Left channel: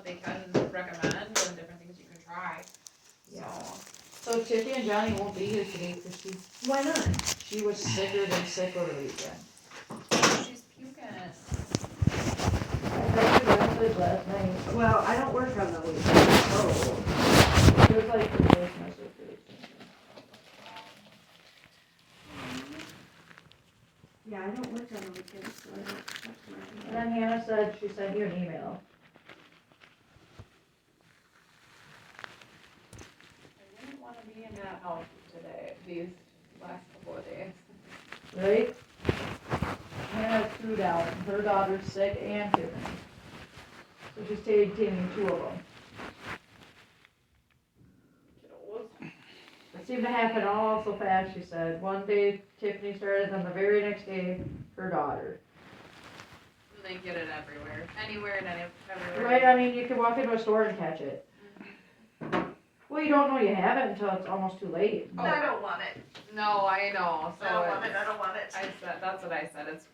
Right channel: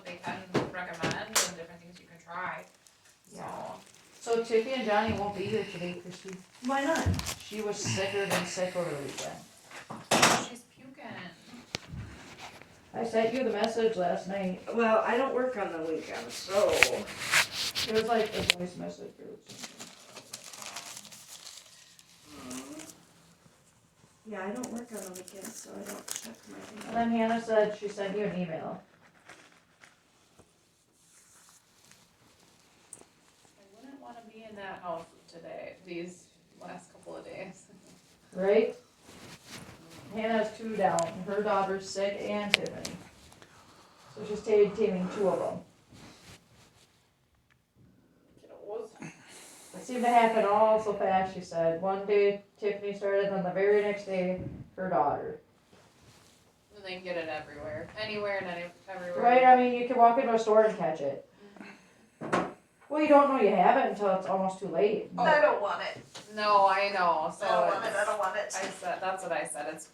what they can recommend and different things you can try. Yeah. So So Tiffy and Johnny won't be here today because Why not? she was sicker than sick over the weekend. she's puking. I sent you a message last night. Well, I don't work on the weekend, so. It was like the voice message really. Yeah, I don't work on the weekends, so I don't check my And email. then Hannah said she sent you an email. I wouldn't want to be in that house today, these last couple of days. Right? Hannah has 2 down. Her daughter's sick and Tiffany. So she's taking 2 of them. It seemed to happen all so fast, she said. One day Tiffany started, then the very next day, her daughter. And they get it everywhere, anywhere and everywhere. Right, I mean, you can walk into a store and catch it. Well, you don't know you have it until it's almost too late. Oh. I don't want it. No, I know, so I don't want it, it's- I don't want it. I said, that's what I said, it's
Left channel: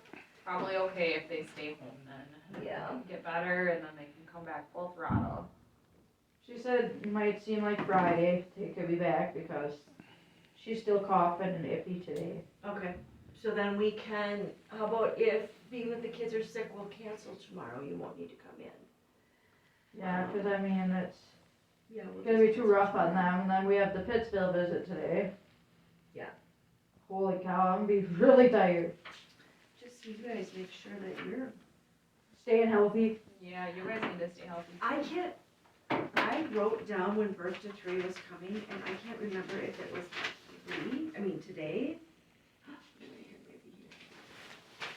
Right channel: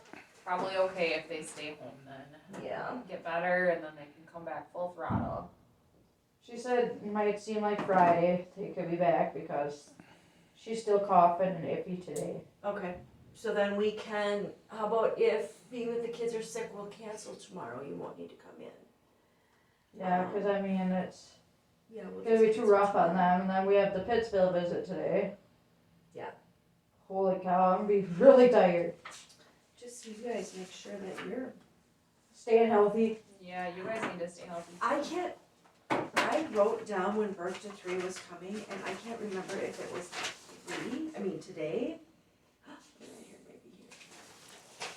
probably okay if they stay home then. Yeah. Get better and then they can come back full throttle. She said it might seem like Friday they could be back because she's still coughing and iffy today. Okay, so then we can, how about if being that the kids are sick, we'll cancel tomorrow, you won't need to come in. Yeah, because I mean, it's Yeah, we'll gonna be just too cancel rough on tomorrow. them. And then we have the Pittsville visit today. Yeah. Holy cow, I'm gonna be really tired. Just so you guys make sure that you're, Staying healthy. Yeah, you guys need to stay healthy. I wrote down when Birth to 3 was coming, and I can't remember if it was 3, I mean today. Wait a minute, here, maybe here.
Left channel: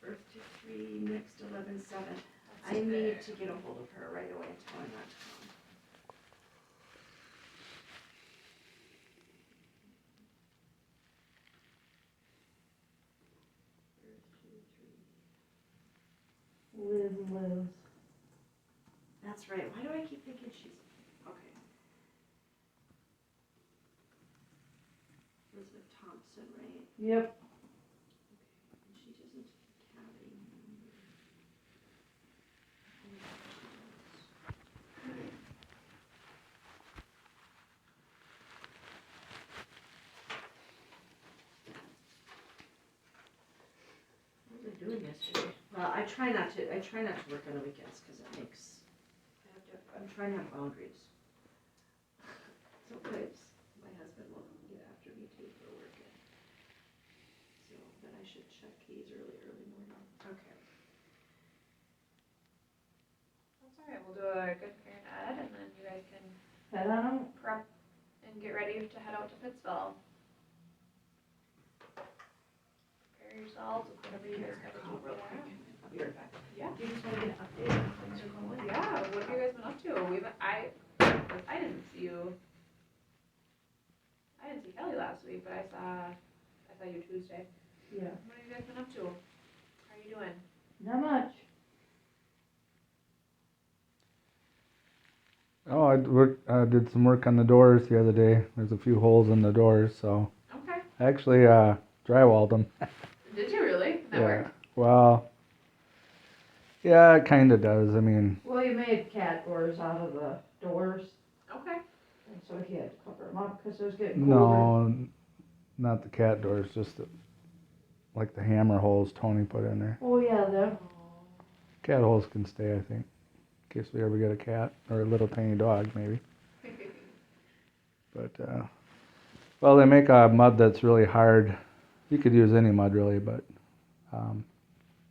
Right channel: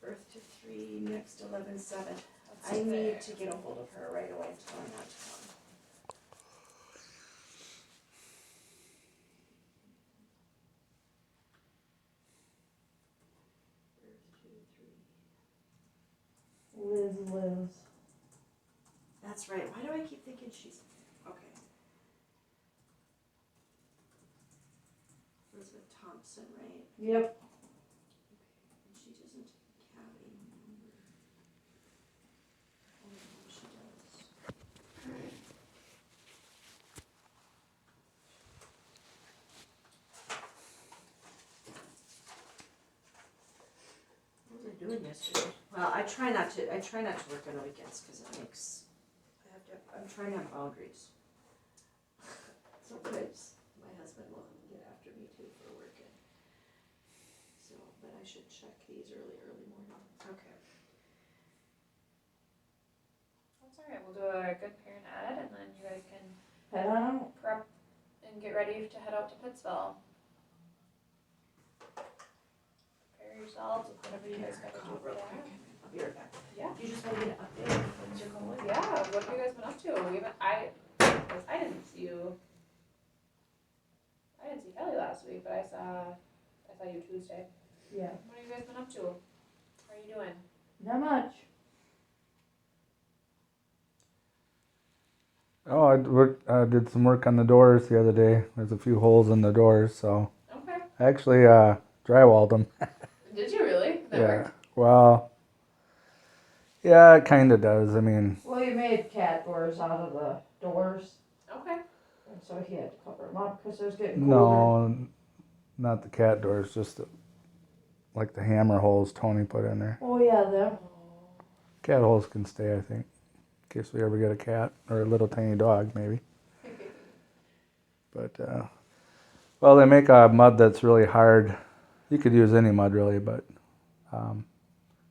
Birth to 3, next 11/7. I need to get a hold of her right away and tell her not to come. Liz. That's right, why do I keep thinking she's, okay. Elizabeth Thompson, right? Yep. And she doesn't have a number. Oh, yeah, she does. What was I doing yesterday? Well, I try not to work on the weekends, cause it makes, I'm trying to have boundaries. Sometimes my husband will get after me too for working. So, but I should check these early morning. Okay. That's alright, we'll do a good parent ed and then you guys can Head on out. prep and get ready to head out to Pittsville. Prepare yourselves with whatever you guys gotta do Call for real that. quick. I'll be right back. Yeah. You just wanna get an update on things are going? Yeah, what have you guys been up to? I didn't see you. I didn't see Kelly last week, but I saw you Tuesday. Yeah. What have you guys been up to? How are you doing? Not much. Oh, I did some work on the doors the other day. There's a few holes in the doors, so Okay. I actually drywalled them. Did you really? That worked? Well, yeah, it kind of does. I mean, Well, you made cat doors out of the doors. Okay. And so he had to cover them up because it was getting colder. no, not the cat doors, just like the hammer holes Tony put in there. Oh, yeah, them. Cat holes can stay, I think, in case we ever get a cat or a little tiny dog, maybe. But, well, they make a mud that's really hard. You could use any mud, really, but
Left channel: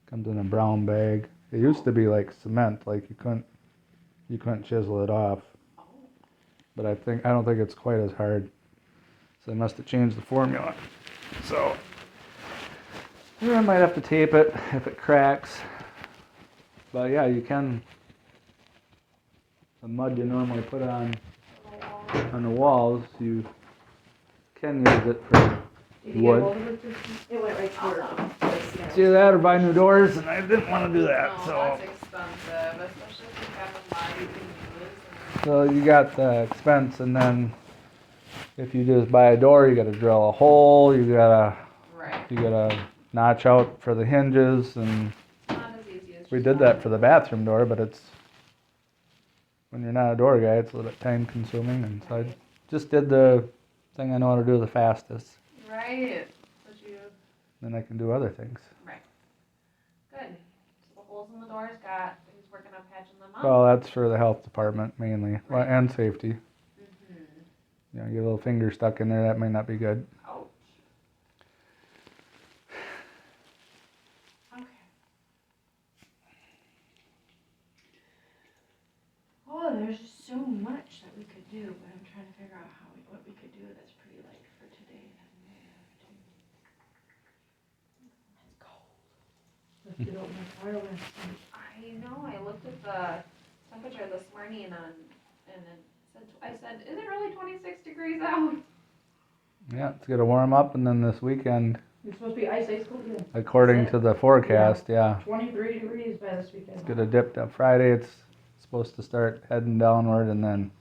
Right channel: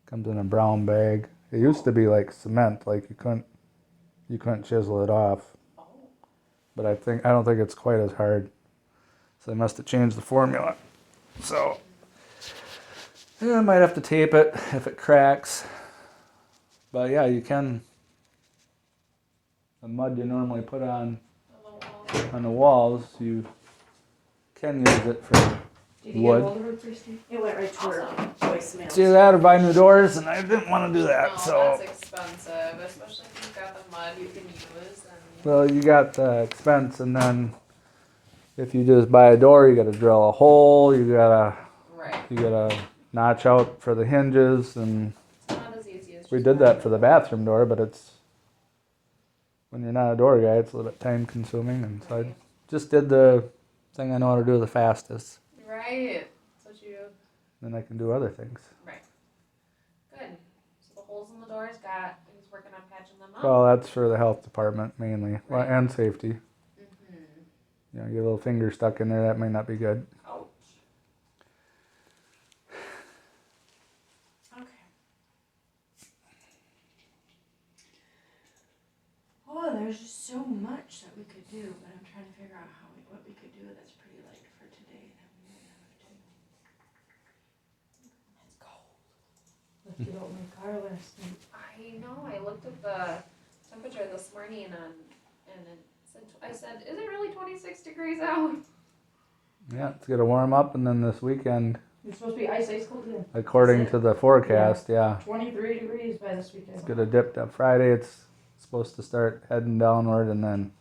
comes in a brown bag. It used to be like cement, like you couldn't chisel it off. Oh. But I don't think it's quite as hard. So they must have changed the formula. So, yeah, I might have to tape it if it cracks. But yeah, you can. The mud you normally put on the walls, you can use it for Did you get wood. hold of it, Tiffany? It went right to her. Awesome. It's either that or buy new doors, and I didn't want to do that. Oh, So, that's expensive, especially if you've got the mud you can use. And so you got the expense, and then if you just buy a door, you got to drill a hole. You right. gotta notch out for the hinges, and It's not as easy as we just did that buying for the it. bathroom door, but it's when you're not a door guy, it's a little bit time consuming, and so I just did the thing I know how to do the fastest. Right, that's what you, Then I can do other things. good. So the holes in the doors got, he's working on patching them up. Well, that's for the health department mainly, well, Right. and safety. Mm-hmm. You know, your little finger stuck in there, that may not be good. Ouch. Okay. Oh, there's just so much that we could do, but I'm trying to figure out what we could do that's pretty light for today that we might have to. It's cold. Left it out in my car last night. I know, I looked at the temperature this morning and it said, I said, is it really 26 degrees out? Yeah, it's gonna warm up, and then this weekend, It's supposed to be ice cold again. according to the forecast, yeah, 23 degrees by this weekend. it's gonna dip. That Friday, it's supposed to start heading downward, and then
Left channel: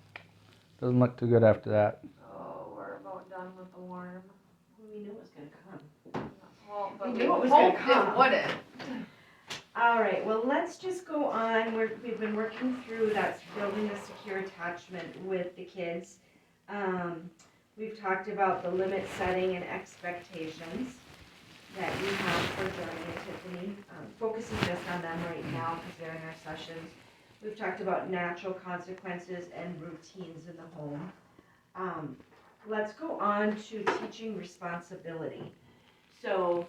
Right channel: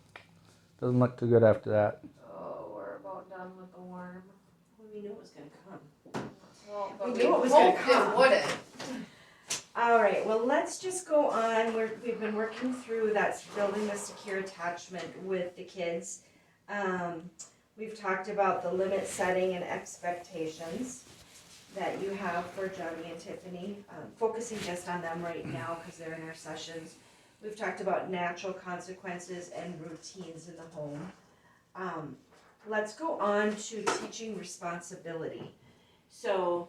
doesn't look too good after that. Oh, we're about done with the warm. Well, we knew it was gonna come. Well, but We we knew it was gonna hoped come. it wouldn't. All right, well, let's just go on. We've been working through that, building the secure attachment with the kids. We've talked about the limit setting and expectations that you have for Johnny and Tiffany, focusing just on them right now because they're in our sessions. We've talked about natural consequences and routines in the home. Let's go on to teaching responsibility. So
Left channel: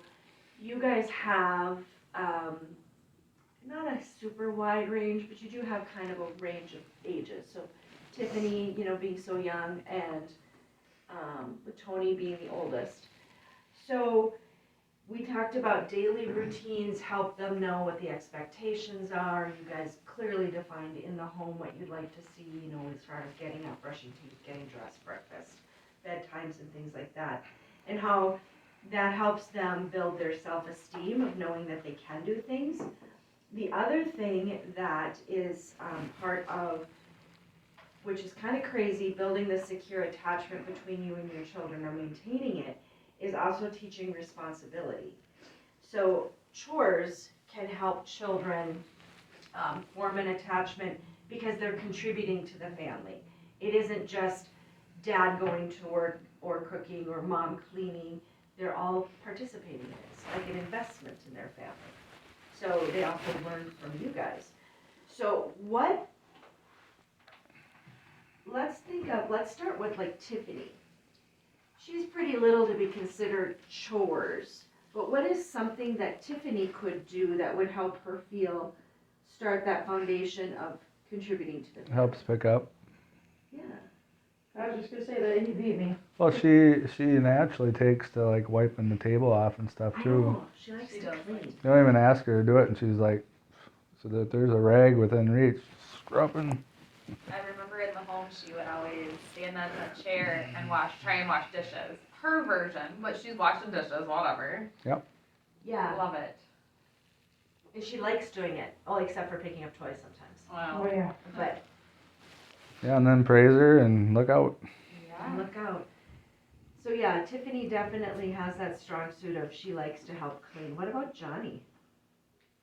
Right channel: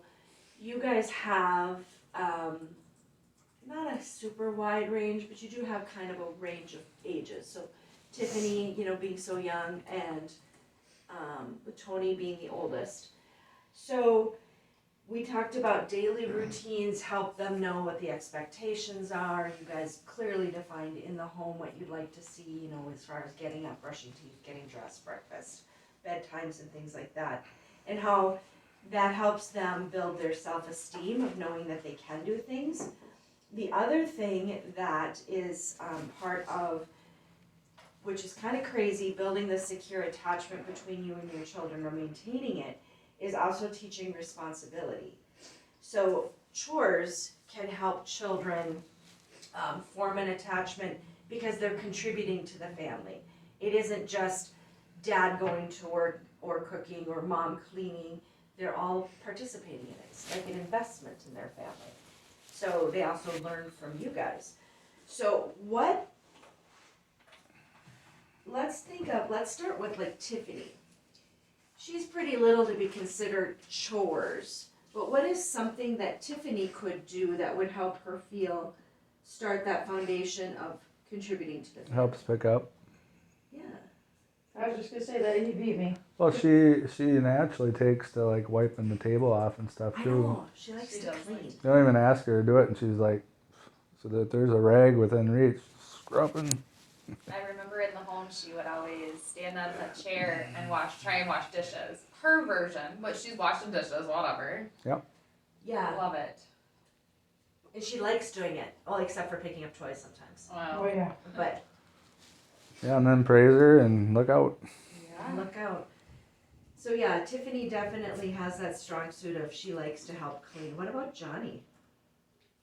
you guys have, not a super wide range, but you do have kind of a range of ages. So Tiffany, being so young, and with Tony being the oldest. So we talked about daily routines, help them know what the expectations are. You guys clearly defined in the home what you'd like to see, as far as getting up, brushing teeth, getting dressed, breakfast, bedtimes, and things like that. And how that helps them build their self-esteem of knowing that they can do things. The other thing that is part of, which is kind of crazy, building the secure attachment between you and your children or maintaining it, is also teaching responsibility. So chores can help children form an attachment because they're contributing to the family. It isn't just dad going to work or cooking or mom cleaning. They're all participating in it. It's like an investment in their family. So they also learn from you guys. So let's start with like Tiffany. She's pretty little to be considered chores, but what is something that Tiffany could do that would help her start that foundation of contributing to the family? Helps pick up. Yeah. I was just gonna say that he beat me. Well, she naturally takes to like wiping the table off and stuff I too. know, she likes She to does clean. like You don't even ask her to do it, and she's like, so that there's a rag within reach, scrubbing. I remember in the home she would always stand on a chair and try and wash dishes. Her version, but she's washing dishes, whatever. Yeah, Love it. and she likes doing it, well, except for picking up toys sometimes, Wow. Oh, yeah. but Yeah, and then praise her and look out. Yeah. look out. So yeah, Tiffany definitely has that strong suit of she likes to help clean. What about Johnny?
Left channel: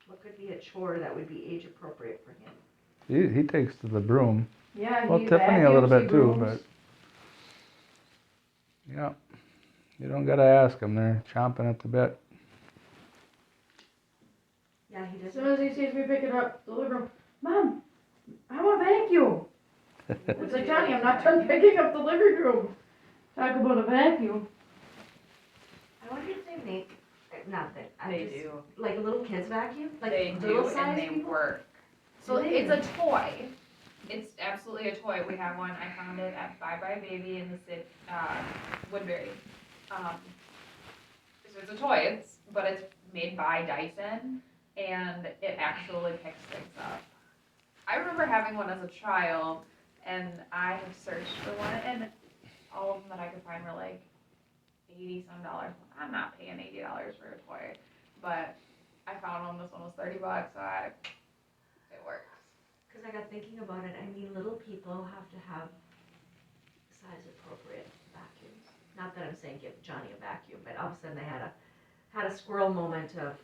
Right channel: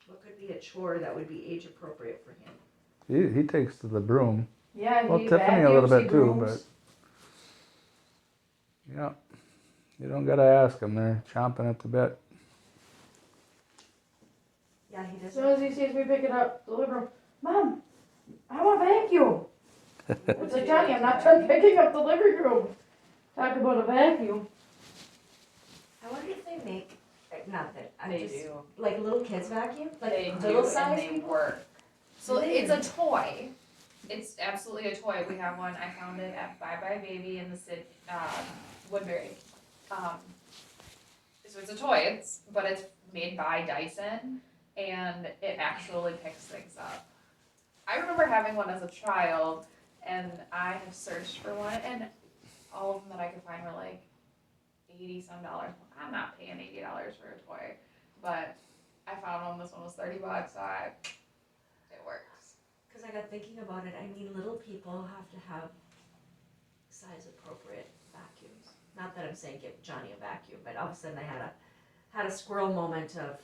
What could be a chore that would be age appropriate for him? He takes to the broom. Yeah, Well, he Tiffany a little vacuums, bit he too, brooms. but yeah, you don't gotta ask them. They're chomping at the bit. Yeah, he As doesn't. soon as he sees me picking up the living room, Mom, I want vacuum. It's like, Johnny, I'm not done picking up the living room. Talk about a vacuum. I wonder if they make, not that, They do. like little kids vacuum? Like They little do, size and they people? work. So Do they? it's a toy. It's absolutely a toy. We have one. I found it at Bye Bye Baby in the city, Woodbury. So it's a toy. But it's made by Dyson, and it actually picks things up. I remember having one as a child, and I have searched for one, and all of them that I could find were like $80 some. I'm not paying $80 for a toy, but I found one. This one was $30. So it works. Because I got thinking about it, I mean, little people have to have size appropriate vacuums. Not that I'm saying give Johnny a vacuum, but all of a sudden I had a squirrel moment of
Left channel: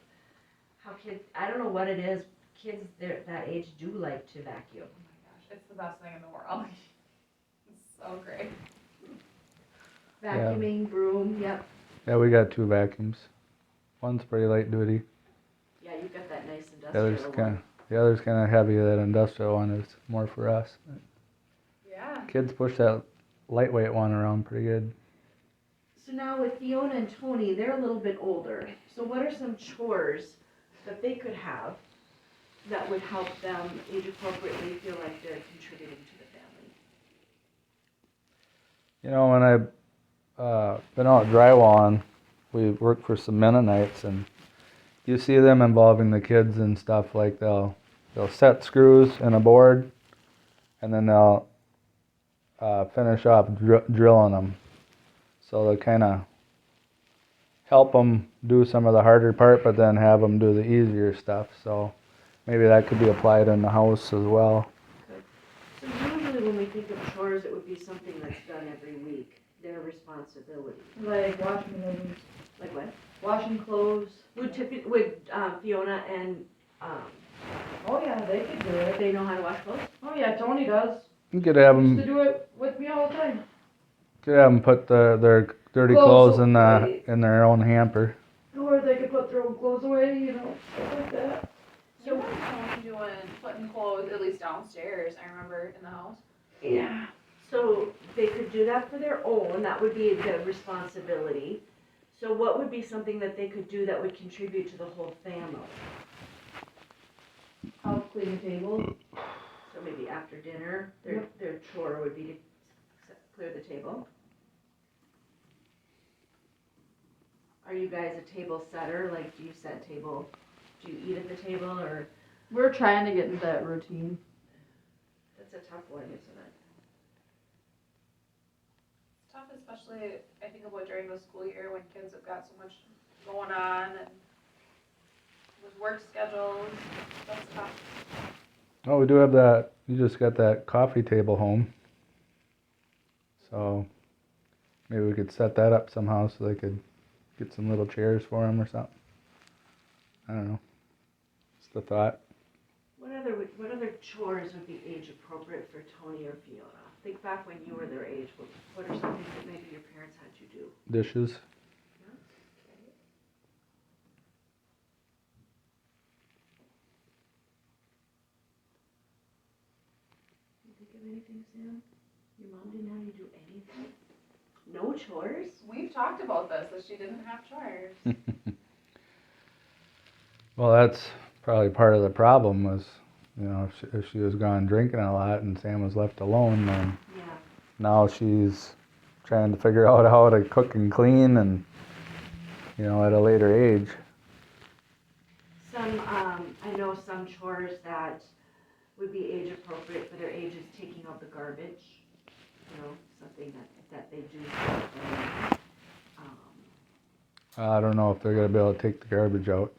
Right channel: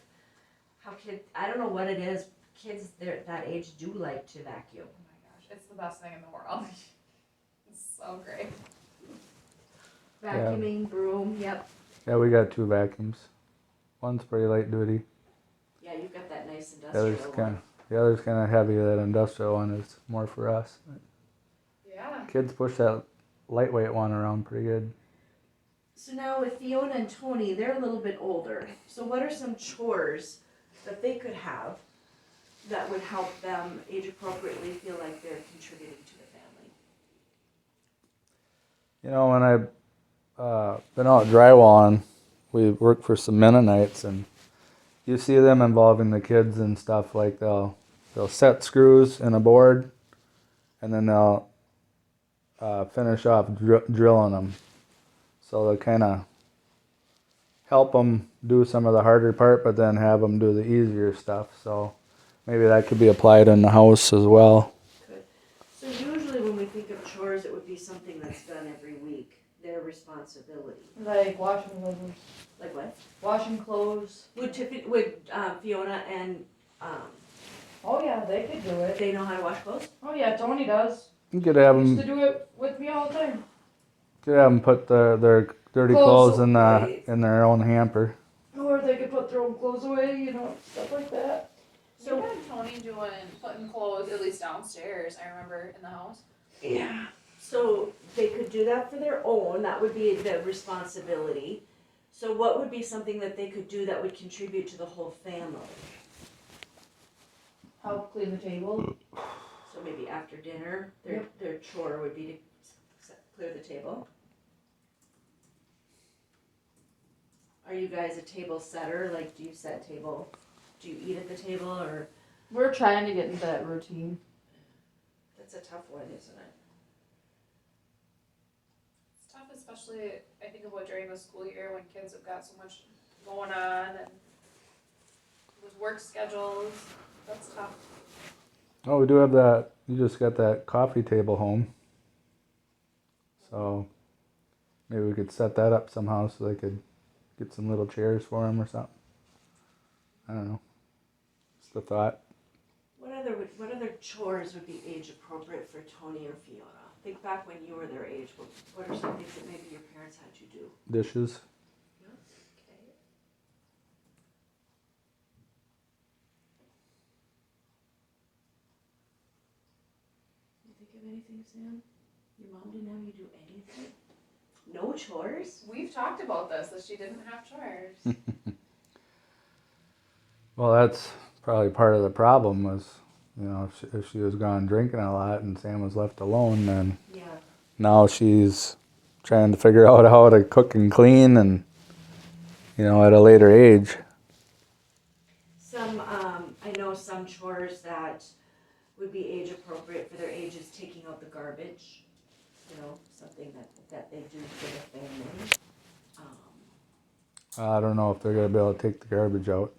how I don't know what it is, kids that age do like to vacuum. Oh my gosh, it's the best thing in the world. It's so great. Vacuuming, broom, yep. Yeah, we got 2 vacuums. One's pretty light duty. Yeah, you've got that nice The other's industrial kind one. of the other's kind of heavy. That industrial one is more for us. Yeah. Kids push that lightweight one around pretty good. So now with Fiona and Tony, they're a little bit older. So what are some chores that they could have that would help them age appropriately feel like they're contributing to the family? You know, when I've been out drywalling, we work for some Mennonites, and you see them involving the kids and stuff. Like they'll set screws in a board, and then they'll finish off drilling them. So they kind of help them do some of the harder part, but then have them do the easier stuff. So maybe that could be applied in the house as well. So usually when we think of chores, it would be something that's done every week, their responsibility. Like washing clothes. Like what? Washing clothes. Would Fiona and, Oh yeah, they could do it. they know how to wash clothes? Oh yeah, Tony does. You could have Used to them do it with me all the time. put their dirty Clothes clothes in away. their own hamper. Or they could put their own clothes away, you know, stuff like that. So what Tony putting clothes at least downstairs, I remember, in the house. Yeah. So they could do that for their own, that would be the responsibility. So what would be something that they could do that would contribute to the whole family? Help clean the table. So maybe after dinner, their chore would be to clear the table. Are you guys a table setter? Like, do you set table? Do you eat at the table, or? We're trying to get into that routine. That's a tough one, isn't it? It's tough, especially, I think about during the school year when kids have got so much going on and with work schedules, that's tough. Oh, we do have that. You just got that coffee table home. So maybe we could set that up somehow so they could get some little chairs for them or something. I don't know. Just a thought. What other chores would be age appropriate for Tony or Fiona? Think back when you were their age. What are some things that maybe your parents had you do? Dishes. Okay. You think of anything, Sam? Your mom didn't have you do anything? No chores? We've talked about this, that she didn't have chores. Well, that's probably part of the problem was, you know, if she was gone drinking a lot and Sam was left alone, then Yeah. now she's trying to figure out how to cook and clean and, you know, at a later age. I know some chores that would be age appropriate for their age is taking out the garbage. You know, something that they do for the family. I don't know if they're going to be able to take the garbage out.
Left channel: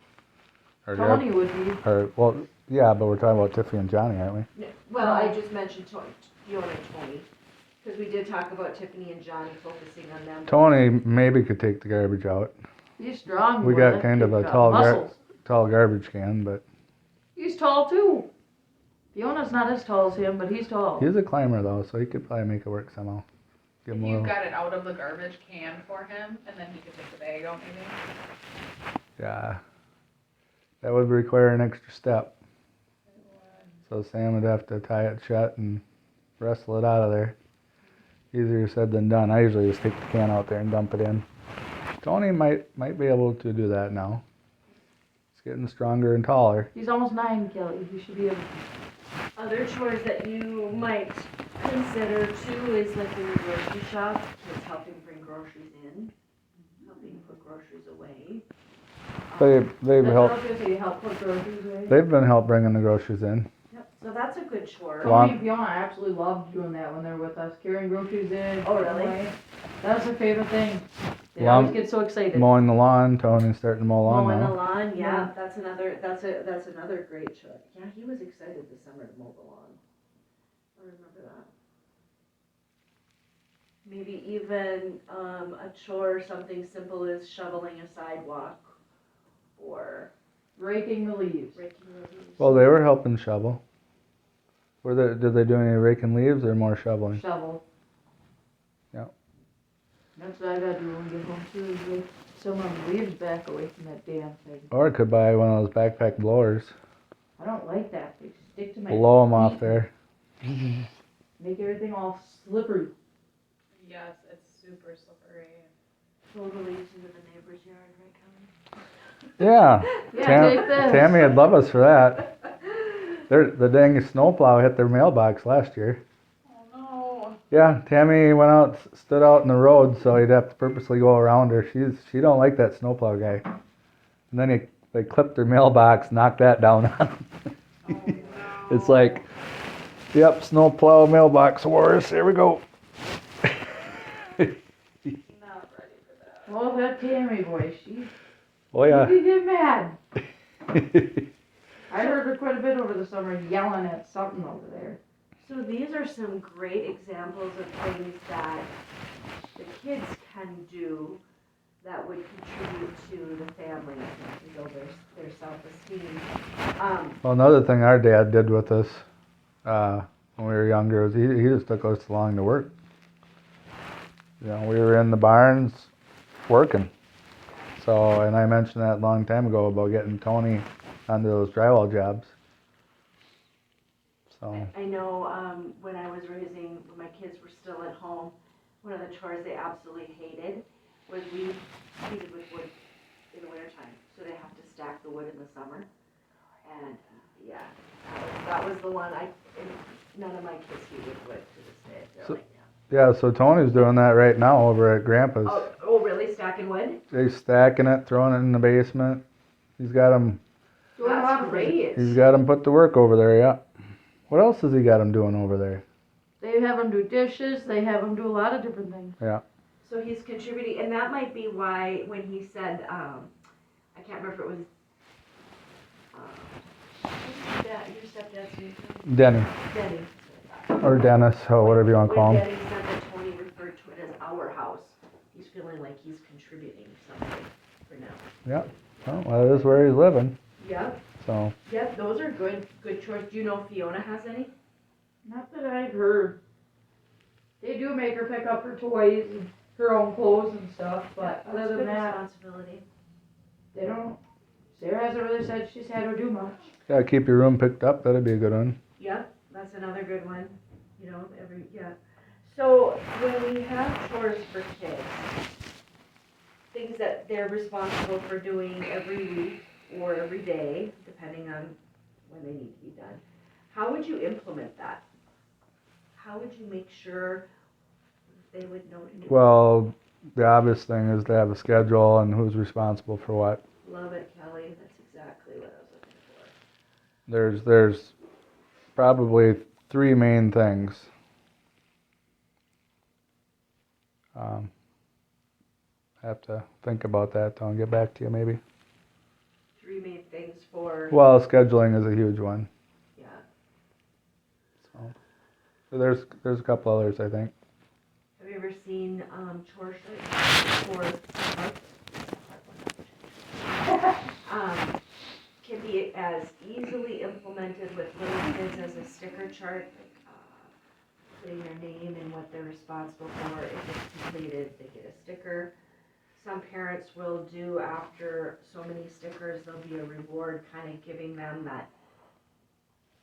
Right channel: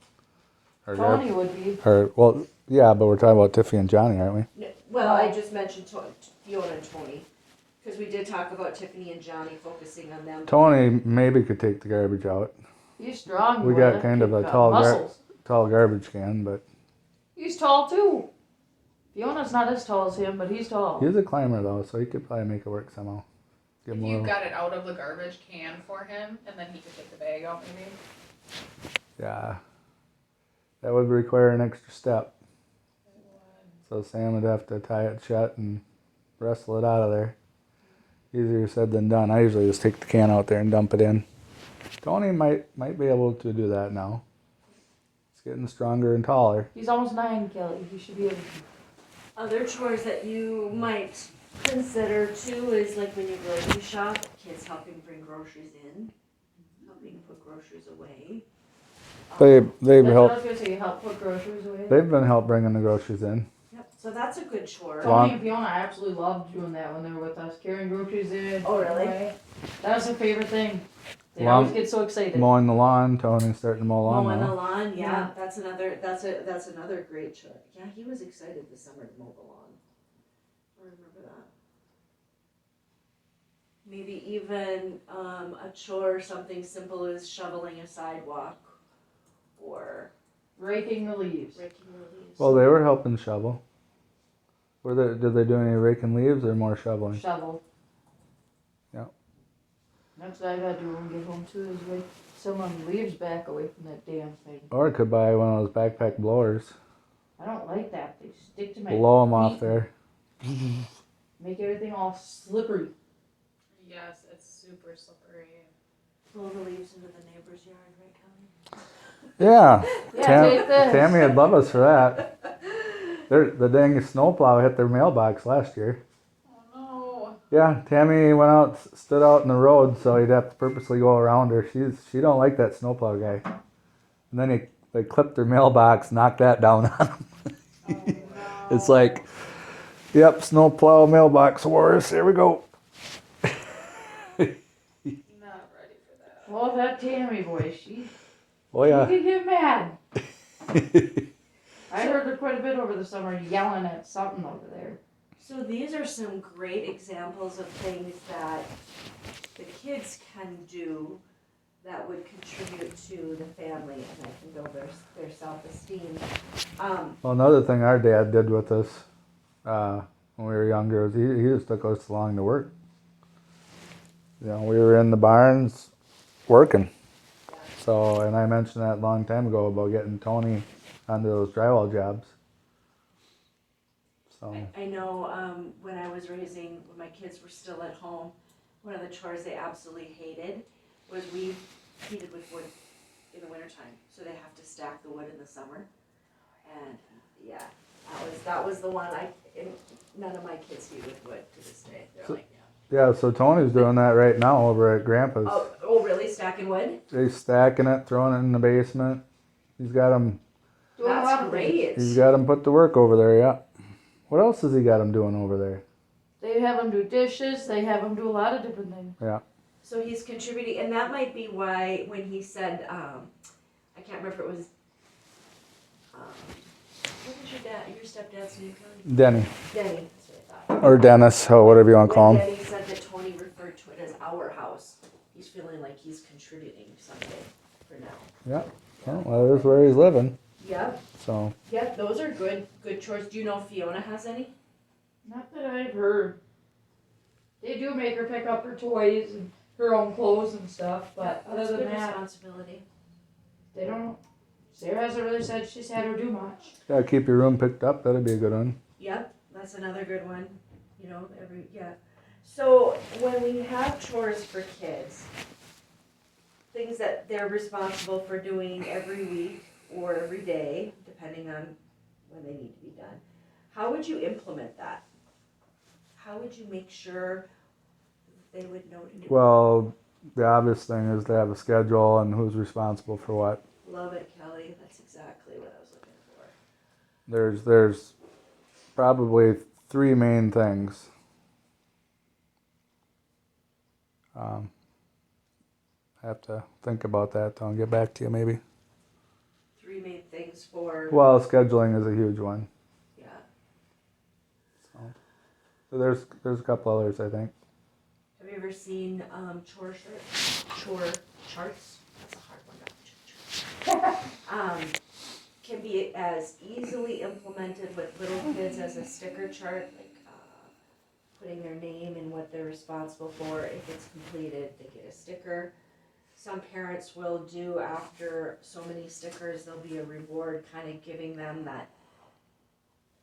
Tony would be. Well, yeah, but we're talking about Tiffany and Johnny, aren't we? Well, I just mentioned Fiona and Tony, because we did talk about Tiffany and Johnny focusing on them. Tony maybe could take the garbage out. He's strong. We boy. got kind of Kid a got tall muscles. tall garbage can, but He's tall too. Fiona's not as tall as him, but he's tall. he's a climber though, so he could probably make it work somehow. Give If him a you little, got it out of the garbage can for him, and then he could take the bag out maybe. yeah, that would require an extra step. So Sam would have to tie it shut and wrestle it out of there. Easier said than done. I usually just take the can out there and dump it in. Tony might be able to do that now. He's getting stronger and taller. He's almost 9, Kelly. He should be able to. Other chores that you might consider too is like when you grocery shop, kids helping bring groceries in, helping put groceries away. They've That's what I helped. was gonna say. Help put groceries away. They've been help bringing the groceries in. Yep, so that's a good chore. Tony and Fiona absolutely loved doing that when they were with us, carrying groceries in. Oh, really? away. That was their favorite thing. They Long- always get so excited. Mowing the lawn. Tony's starting to mow lawn Mowing the now. lawn, yeah, Yeah. that's another great chore. Yeah, he was excited this summer to mow the lawn. I remember that. Maybe even a chore, something simple as shoveling a sidewalk or Raking the leaves. raking the leaves. Well, they were helping shovel. Did they do any raking leaves or more shoveling? Shovel. Yeah. That's what I gotta do when we get home too, is rake some of the leaves back away from that damn thing. Or I could buy one of those backpack blowers. I don't like that. They stick to my Blow them off feet, there. make everything all slippery. Yes, it's super slippery. Blow the leaves into the neighbor's yard, right, Kelly? Yeah. Yeah, Tam- take this. Tammy would love us for that. The dang snowplow hit their mailbox last year. Oh no. Yeah, Tammy went out, stood out in the road, so he'd have to purposely go around her. She don't like that snowplow guy. And then they clipped their mailbox, knocked that down. Oh no. It's like, yep, snowplow mailbox wars. Here we go. Not ready for that. Well, that Tammy boy, she Oh yeah. could get mad. I heard her quite a bit over the summer yelling at something over there. So these are some great examples of things that the kids can do that would contribute to the family and build their self-esteem. Well, another thing our dad did with us when we were younger was he just took us along to work. You know, we were in the barns working. So, and I mentioned that a long time ago about getting Tony onto those drywall jobs. So, I know when I was raising, when my kids were still at home, one of the chores they absolutely hated was we heated with wood in the wintertime, so they have to stack the wood in the summer. And yeah, that was the one none of my kids heat with wood to this day. They're So- like, yeah, so Tony's doing that right now over at Grandpa's. oh, really? Stacking wood? He's stacking it, throwing it in the basement. He's got them Doing a lot That's of great. He's got them put to work over there, yeah. What else has he got them doing over there? They have them do dishes. They have them do a lot of different things. So he's contributing, and that might be why when he said, I can't remember if it was, what did your stepdad's name? Denny. Denny. That's what I thought. Or Dennis, or whatever you want to call When him. Denny said that Tony referred to it as our house, he's feeling like he's contributing something for now. Yeah. Well, that is where he's living. Yep, So, yep, those are good chores. Do you know if Fiona has any? Not that I've heard. They do make her pick up her toys and her own clothes and stuff, but other That's than good that, responsibility. they don't. Sarah hasn't really said she's had her do much. yeah, keep your room picked up. That'd be a good one. Yep, that's another good one, you know, So when we have chores for kids, things that they're responsible for doing every week or every day, depending on when they need to be done, how would you implement that? How would you make sure they would know to do? Well, the obvious thing is to have a schedule and who's responsible for what. Love it, Kelly, that's exactly what I was looking for. There's probably three main things. Have to think about that till I get back to you maybe. Three main things for, Well, scheduling is a huge one. yeah. So there's a couple others I think. Have you ever seen chore shirts or charts? That's a hard one. Can be as easily implemented with little kids as a sticker chart, like putting their name and what they're responsible for. If it's completed, they get a sticker. Some parents will do after so many stickers, there'll be a reward, kind of giving them that,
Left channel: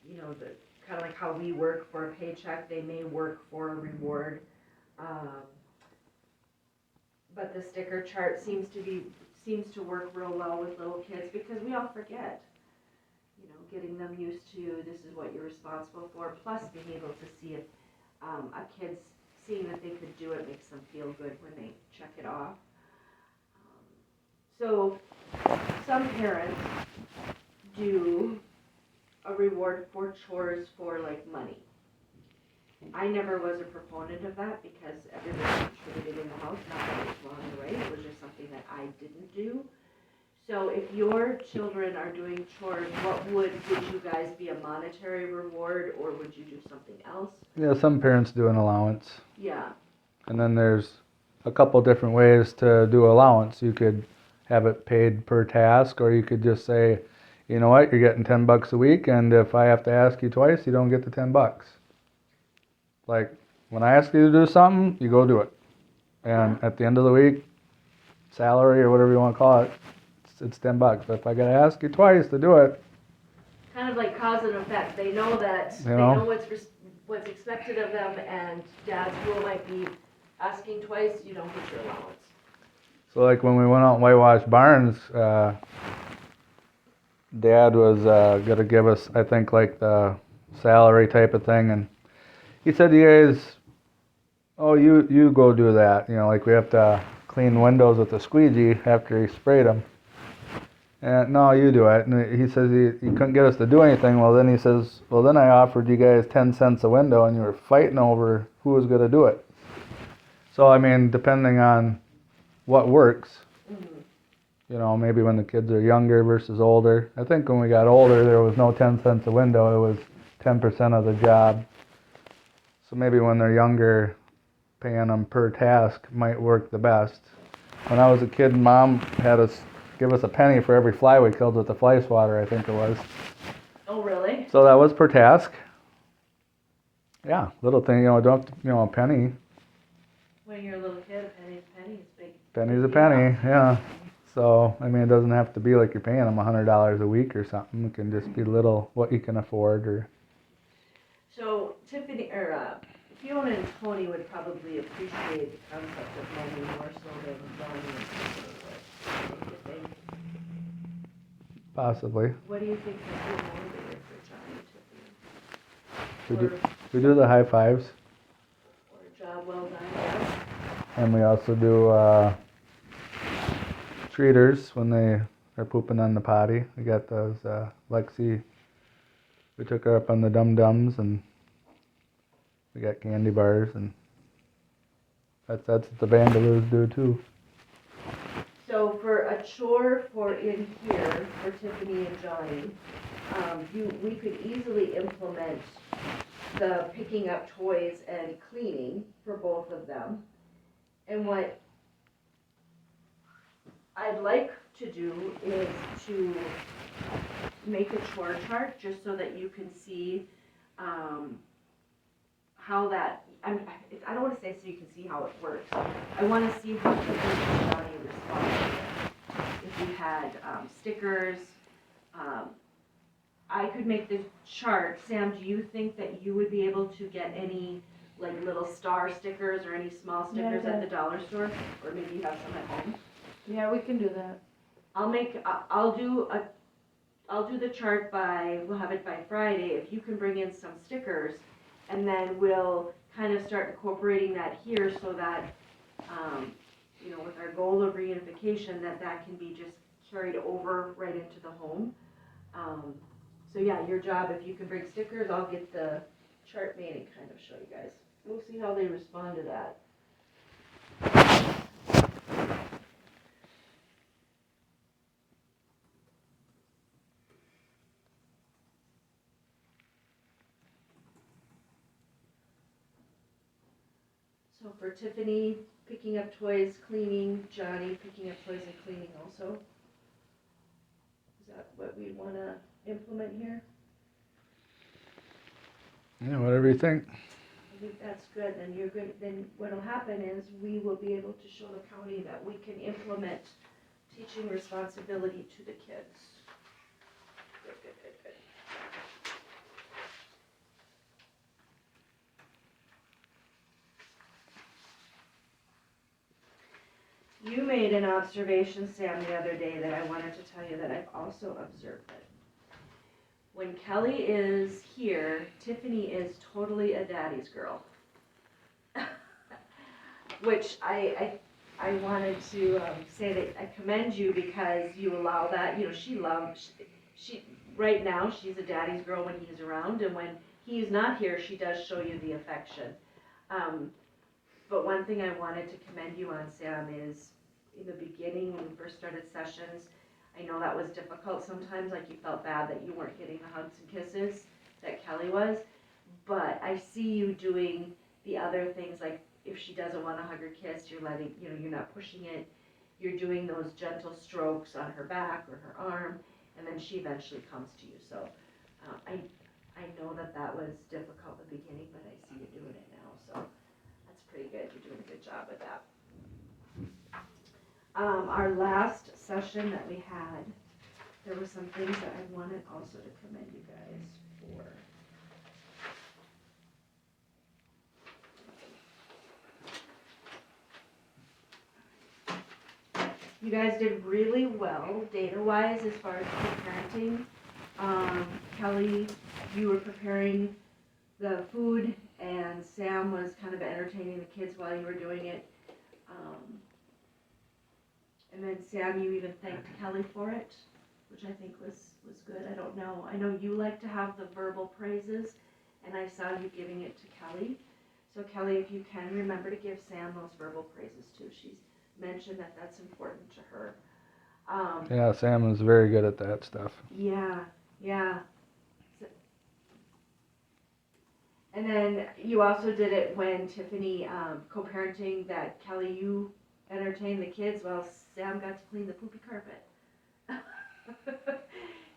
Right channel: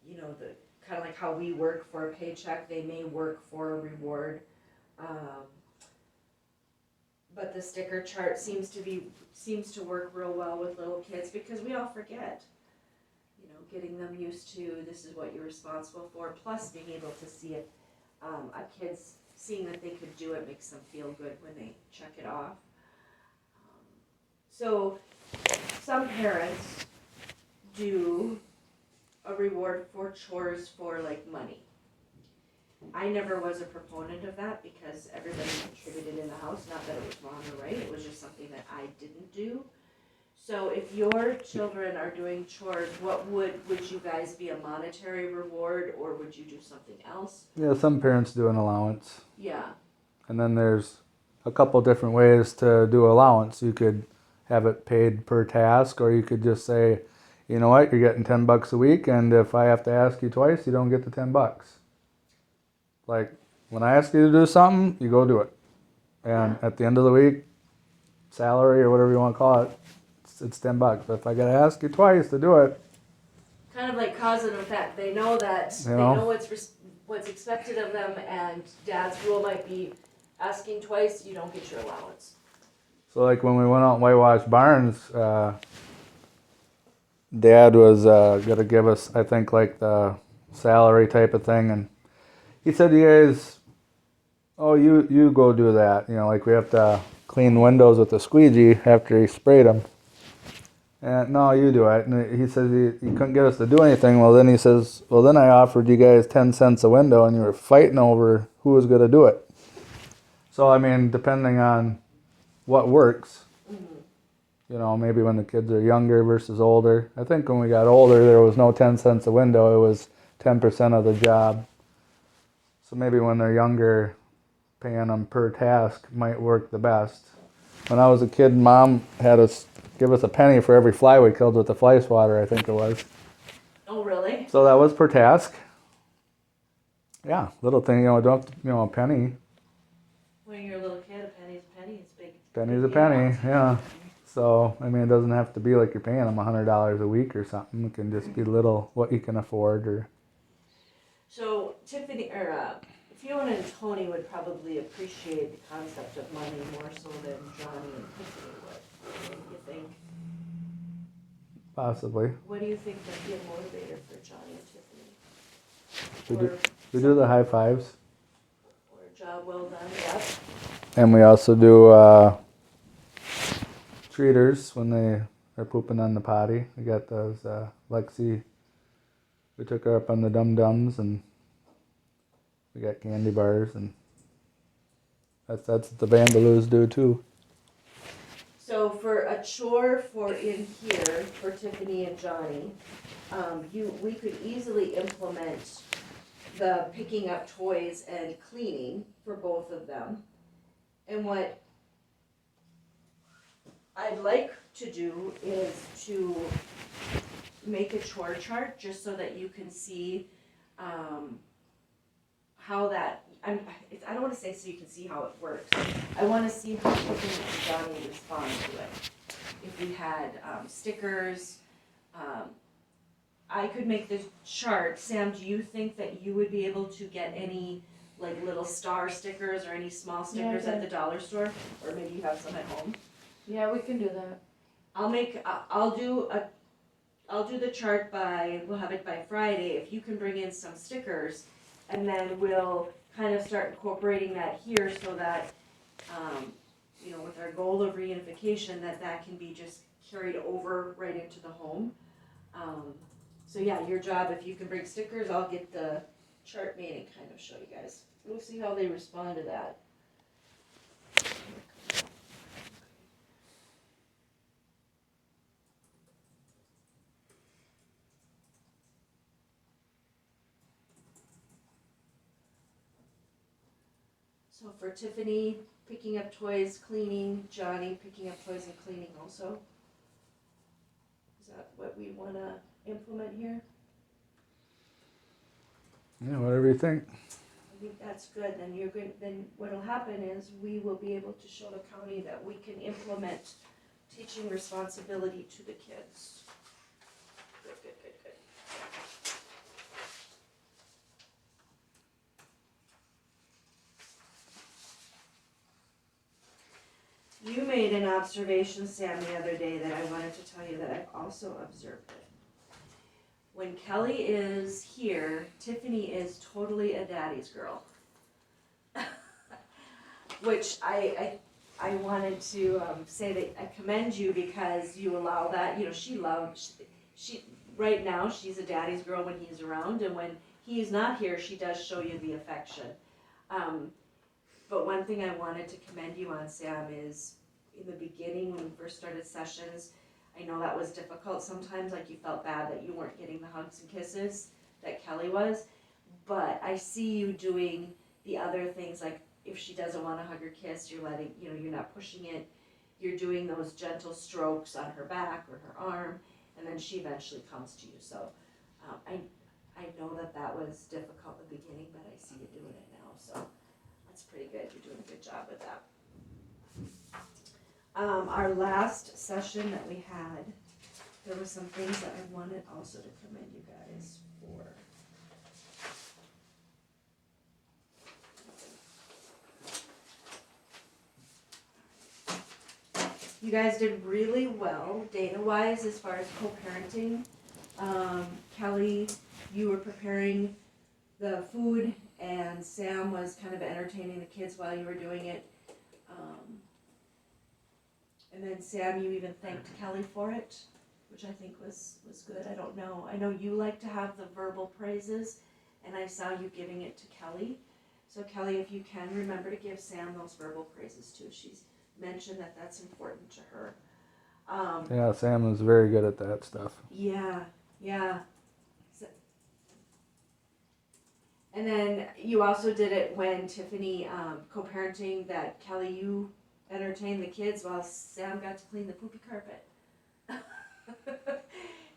you know, the kind of like how we work for a paycheck, they may work for a reward. But the sticker chart seems to work real well with little kids because we all forget. You know, getting them used to this is what you're responsible for. Plus, being able to see if a kid's seeing that they could do it makes them feel good when they check it off. So, some parents do a reward for chores for like money. I never was a proponent of that because everybody contributed in the house, not that it was wrong or right, it was just something that I didn't do. So if your children are doing chores, what would you guys be a monetary reward or would you do something else? Yeah, some parents do an allowance. Yeah, And then there's a couple different ways to do allowance. You could have it paid per task, or you could just say you know what, you're getting $10 a week, and if I have to ask you twice, you don't get the $10. Like, when I ask you to do something, you go do it. And at the end of the week, salary or whatever you want to call it, it's $10. But if I gotta ask you twice to do it, Kind of like cause and effect. They know that, You they know? know what's expected of them, and dad's rule might be asking twice, you don't get your allowance. so like when we went out and whitewashed barns, Dad was gonna give us, I think, like the salary type of thing, and he said, "You guys, oh, you go do that. You know, like we have to clean windows with a squeegee after he sprayed them." And no, you do it. And he says he couldn't get us to do anything. Well, then he says, well, then I offered you guys 10 cents a window, and you were fighting over who was gonna do it. So I mean, depending on what works. You know, maybe when the kids are younger versus older. I think when we got older, there was no 10 cents a window. It was 10% of the job. So maybe when they're younger, paying them per task might work the best. When I was a kid, Mom had us give us a penny for every fly we killed with the fly swatter, I think it was. Oh, really? So that was per task. Yeah, little thing, you know, don't, you know, a penny. When you're a little kid, a penny's a penny, it's big. Penny's a penny, yeah. So, I mean, it doesn't have to be like you're paying them $100 a week or something. It can just be little, what you can afford, or. So Tiffany, or Fiona and Tony would probably appreciate the concept of money more so than Johnny and Tiffany would. What do you think? Possibly. What do you think might be a motivator for Johnny We and do, Tiffany? we do the high fives. Or a job well done, yes? And we also do treaters when they are pooping on the potty. We got those, Lexi, we took her up on the Dum Dums, and we got candy bars, and that's what the Vandaloos do too. So for a chore for in here for Tiffany and Johnny, we could easily implement the picking up toys and cleaning for both of them. And what I'd like to do is to make a chore chart just so that you can see how that, I don't want to say so you can see how it works. I want to see how quickly Johnny responds to it. If we had stickers, I could make the chart. Sam, do you think that you would be able to get any like little star stickers or any small stickers Yeah. at the dollar store? Or maybe you have some at home? Yeah, we can do that. I'll do the chart we'll have it by Friday. If you can bring in some stickers, and then we'll kind of start incorporating that here so that, you know, with our goal of reunification, that can be just carried over right into the home. So yeah, your job, if you can bring stickers, I'll get the chart made and kind of show you guys. We'll see how they respond to that. So for Tiffany, picking up toys, cleaning, Johnny picking up toys and cleaning also. Is that what we wanna implement here? Yeah, whatever you think. I think that's good, then what'll happen is we will be able to show the county that we can implement teaching responsibility to the kids. Good, good, good, good. You made an observation, Sam, the other day that I wanted to tell you that I've also observed it. When Kelly is here, Tiffany is totally a daddy's girl. Which I wanted to say that I commend you because you allow that. You know, she right now she's a daddy's girl when he's around, and when he's not here, she does show you the affection. But one thing I wanted to commend you on, Sam, is in the beginning when we first started sessions, I know that was difficult sometimes, like you felt bad that you weren't getting the hugs and kisses that Kelly was, but I see you doing the other things, like if she doesn't want a hug or kiss, you're letting, you know, you're not pushing it, you're doing those gentle strokes on her back or her arm, and then she eventually comes to you. So I know that was difficult in the beginning, but I see you doing it now, so that's pretty good. You're doing a good job with that. Our last session that we had, there were some things that I wanted also to commend you guys for. You guys did really well data-wise as far as co-parenting. Kelly, you were preparing the food, and Sam was kind of entertaining the kids while you were doing it. And then Sam, you even thanked Kelly for it, which I think was good. I don't know. I know you like to have the verbal praises, and I saw you giving it to Kelly. So Kelly, if you can, remember to give Sam those verbal praises too. She's mentioned that that's important to her. Yeah, Sam is very good at that stuff. Yeah. So, and then you also did it when Tiffany co-parenting that Kelly, you entertained the kids while Sam got to clean the poopy carpet.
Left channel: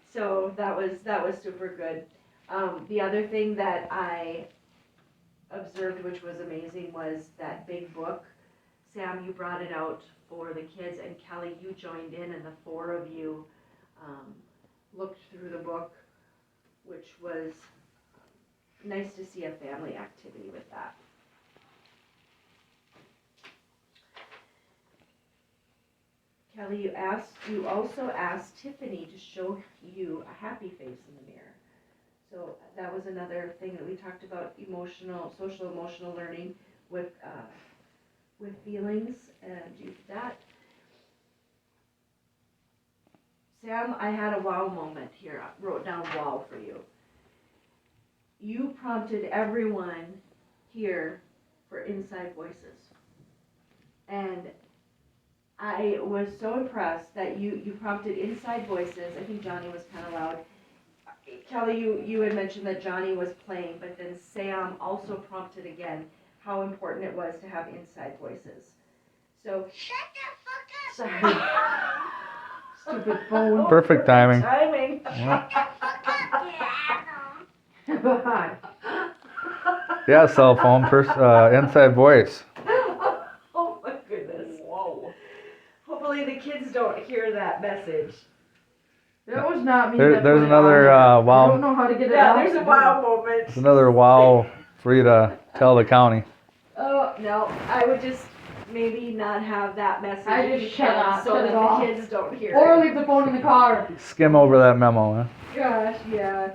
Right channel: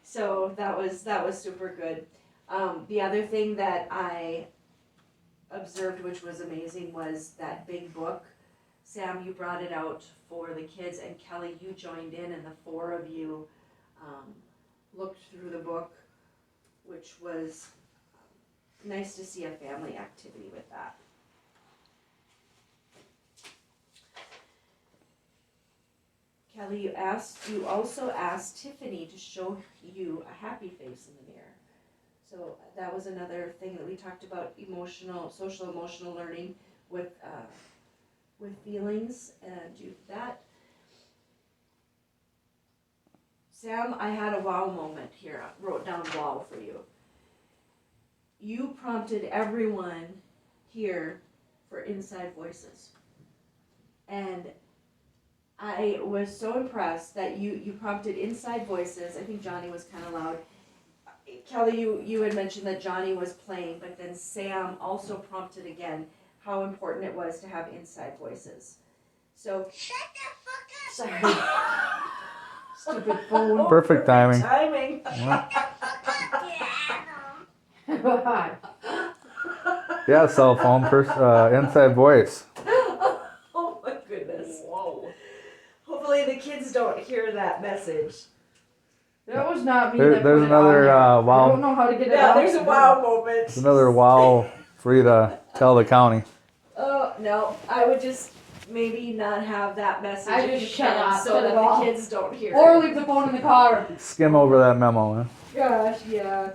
So that was super good. The other thing that I observed, which was amazing, was that big book. Sam, you brought it out for the kids, and Kelly, you joined in, and the four of you looked through the book, which was nice to see a family activity with that. Kelly, you also asked Tiffany to show you a happy face in the mirror. So that was another thing that we talked about, social emotional learning with feelings, and do that. Sam, I had a wow moment here. I wrote down wow for you. You prompted everyone here for inside voices. And I was so impressed that you prompted inside voices. I think Johnny was kind of loud. Kelly, you had mentioned that Johnny was playing, but then Sam also prompted again how important it was to have inside voices. So, Stupid phone. Perfect timing. Timing. Bye. Yeah, cell phone, inside voice. Oh my goodness. Whoa. Hopefully the kids don't hear that message. That was not me. There's that put it another, on there. wow. I don't know how to get it Yeah, out. there's a wow moment. It's another wow for you to tell the county. Oh, no, I would just maybe not have that message. I if just you shut can, up, so shut that it the off. kids don't hear Or it. leave the phone in the car. Skim over that memo, huh? Gosh, yeah.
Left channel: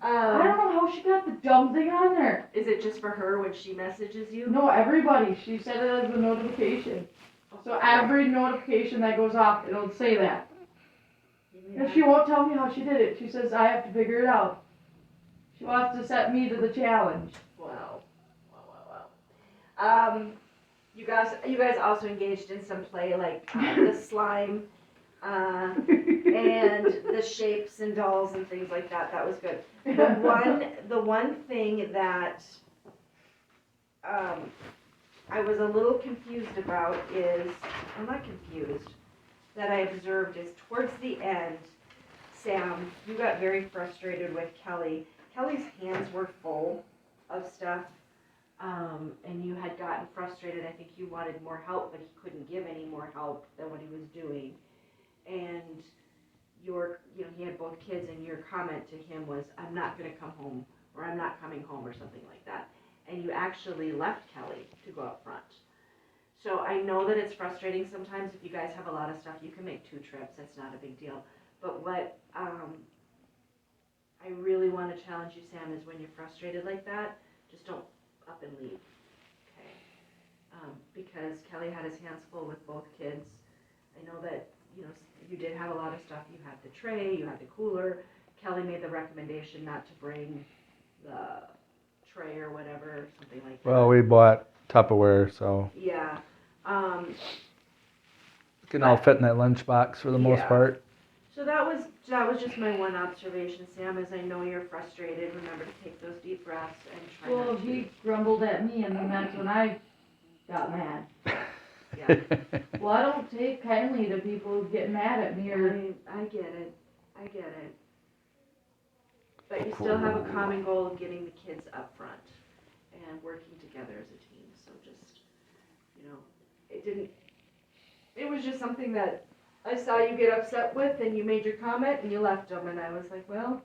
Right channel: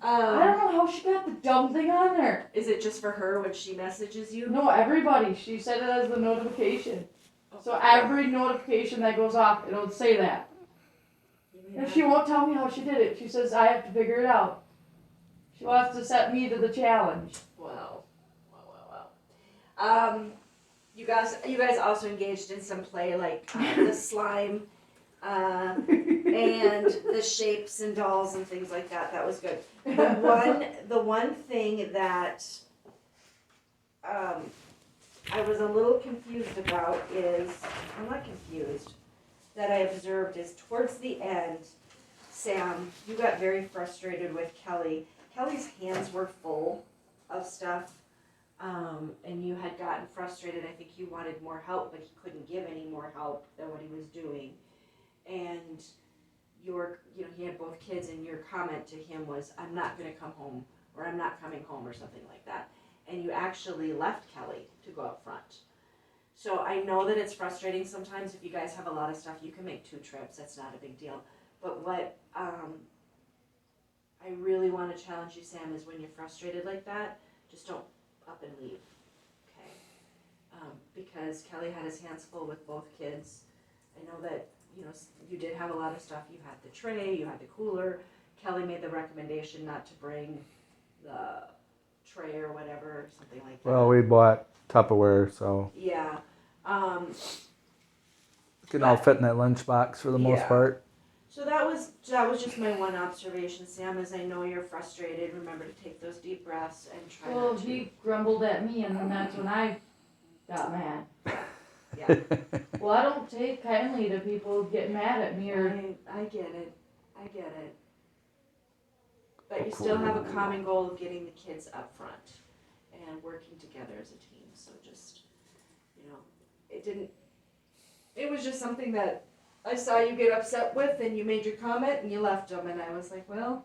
I don't know how she got the dumb thing on there. Is it just for her when she messages you? No, everybody. She set it as the notification. So every notification that goes off, it'll say that. And she won't tell me how she did it. She says I have to figure it out. She wants to set me to the challenge. Wow. You guys also engaged in some play, like the slime, and the shapes and dolls and things like that. That was good. The one thing that I was a little confused about is, I'm not confused, that I observed is towards the end, Sam, you got very frustrated with Kelly. Kelly's hands were full of stuff, and you had gotten frustrated. I think you wanted more help, but he couldn't give any more help than what he was doing. And he had both kids, and your comment to him was, I'm not gonna come home, or I'm not coming home, or something like that. And you actually left Kelly to go up front. So I know that it's frustrating sometimes. If you guys have a lot of stuff, you can make 2 trips. That's not a big deal. But what I really want to challenge you, Sam, is when you're frustrated like that, just don't up and leave, okay? Because Kelly had his hands full with both kids. I know that, you did have a lot of stuff. You had the tray, you had the cooler. Kelly made the recommendation not to bring the tray or whatever, something like that. Well, we bought Tupperware, so Yeah. it can all fit in that lunchbox for the most Yeah. part. So that was just my one observation, Sam, is I know you're frustrated. Remember to take those deep breaths and try Well, not to. he grumbled at me, and then that's when I got mad. Yeah. Well, I don't take kindly to people getting mad at me or. I get it. I get it. But you still have a common goal of getting the kids up front and working together as a team, so just, it was just something that I saw you get upset with, and you made your comment and you left them, and I was like, well,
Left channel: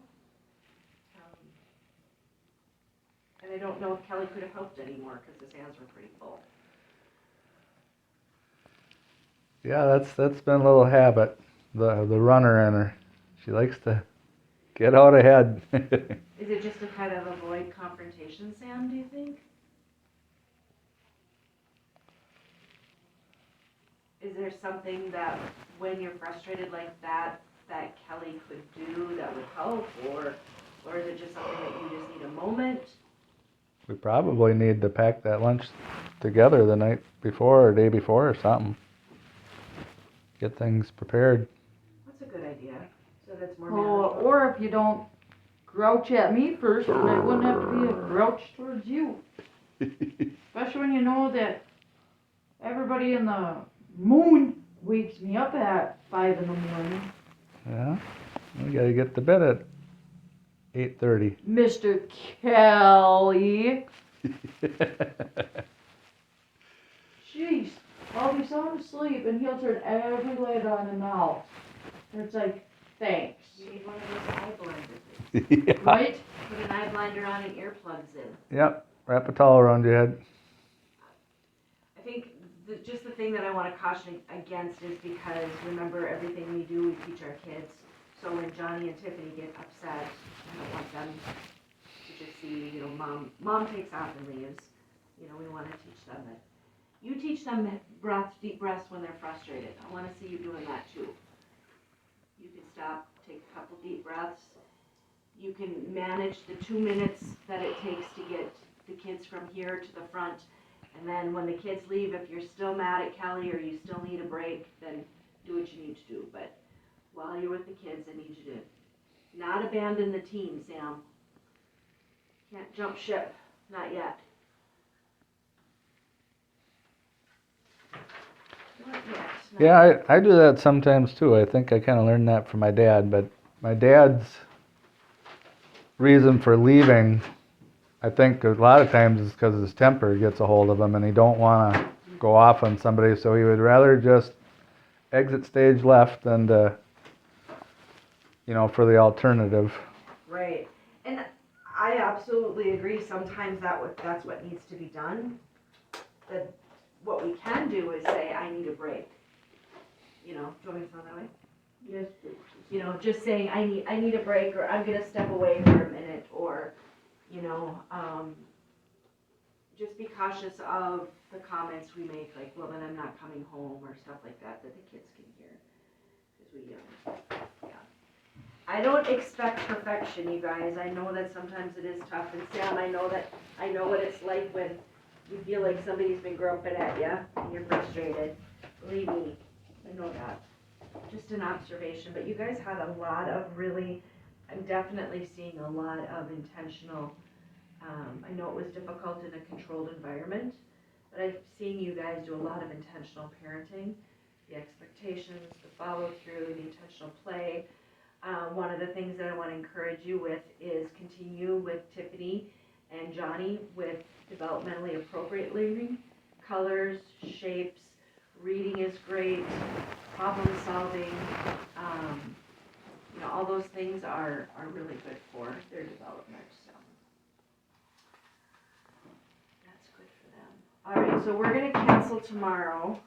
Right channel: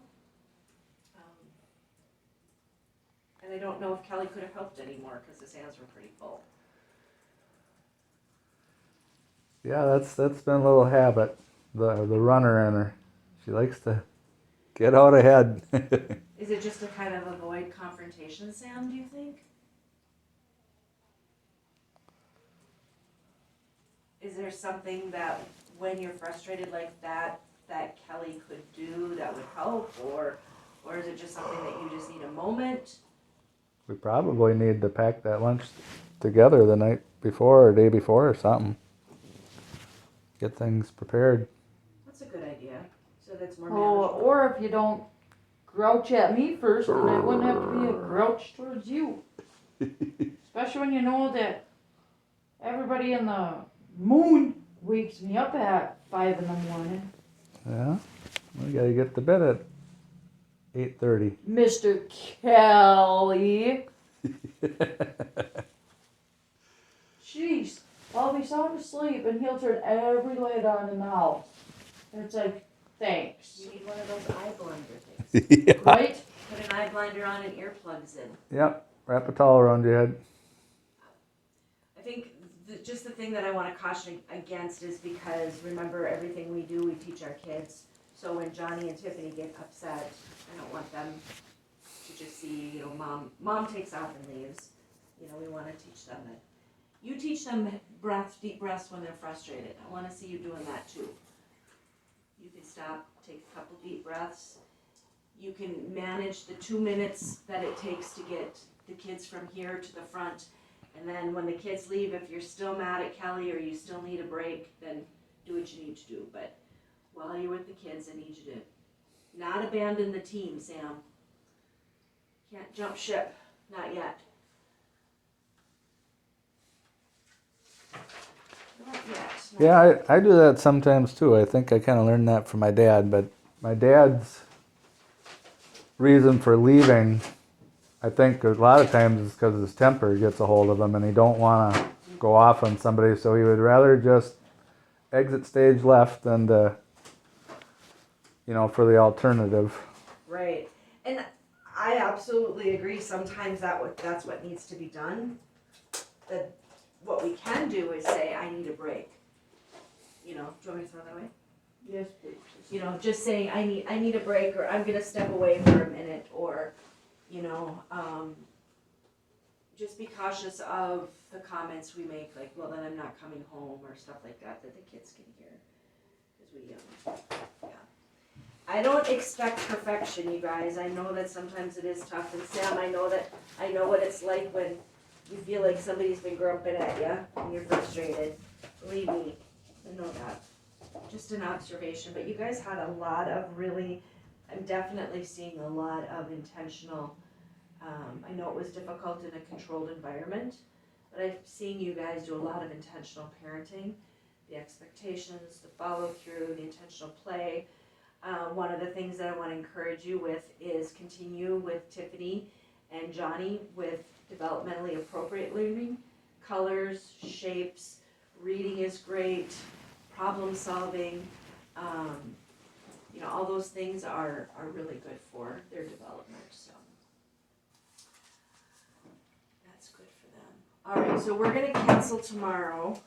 and I don't know if Kelly could have helped anymore, cause his hands were pretty full. Yeah, that's been a little habit. The runner in her. She likes to get out ahead. Is it just to kind of avoid confrontation, Sam, do you think? Is there something that when you're frustrated like that Kelly could do that would help, or is it just something that you just need a moment? We probably need to pack that lunch together the night before or day before or something. Get things prepared. That's a good idea, so that's more Oh, manageable. or if you don't grouch at me first, then I wouldn't have to be a grouch towards you. Especially when you know that everybody in the moon wakes me up at 5 in the morning. Yeah, we gotta get to bed at 8:30. Mr. Kelly. Jeez, I'll be sound asleep and he'll turn every light on in the house. And it's like, thanks. You need one of those eye blinder things. Yeah. Right? Put an eye blinder on and earplugs in. Yep, wrap a towel around your head. I think just the thing that I want to caution against is because remember everything we do, we teach our kids. So when Johnny and Tiffany get upset, I don't want them to just see, mom takes off and leaves. We want to teach them that. You teach them deep breaths when they're frustrated. I want to see you doing that too. You can stop, take a couple deep breaths. You can manage the 2 minutes that it takes to get the kids from here to the front. And then when the kids leave, if you're still mad at Kelly or you still need a break, then do what you need to do. But while you're with the kids, I need you to not abandon the team, Sam. Can't jump ship, not yet. Not yet. Yeah, I do that sometimes too. I think I kind of learned that from my dad, but my dad's reason for leaving, I think a lot of times is because his temper gets a hold of him and he don't want to go off on somebody, so he would rather just exit stage left than to, for the alternative. Right. And I absolutely agree. Sometimes that's what needs to be done. But what we can do is say, I need a break. Do you want me to throw that way? Yes, please. Just saying, I need a break, or I'm gonna step away for a minute, or, just be cautious of the comments we make, like, well, then I'm not coming home, or stuff like that the kids can hear. 'Cause yeah. I don't expect perfection, you guys. I know that sometimes it is tough, and Sam, I know what it's like when you feel like somebody's been grumping at you, and you're frustrated. Believe me, I know that. Just an observation, but you guys had a lot of I'm definitely seeing a lot of intentional, I know it was difficult in a controlled environment, but I've seen you guys do a lot of intentional parenting, the expectations, the follow through, the intentional play. One of the things that I want to encourage you with is continue with Tiffany and Johnny with developmentally appropriate learning, colors, shapes, reading is great, problem solving, all those things are really good for their development, so that's good for them. All right, so we're gonna cancel tomorrow,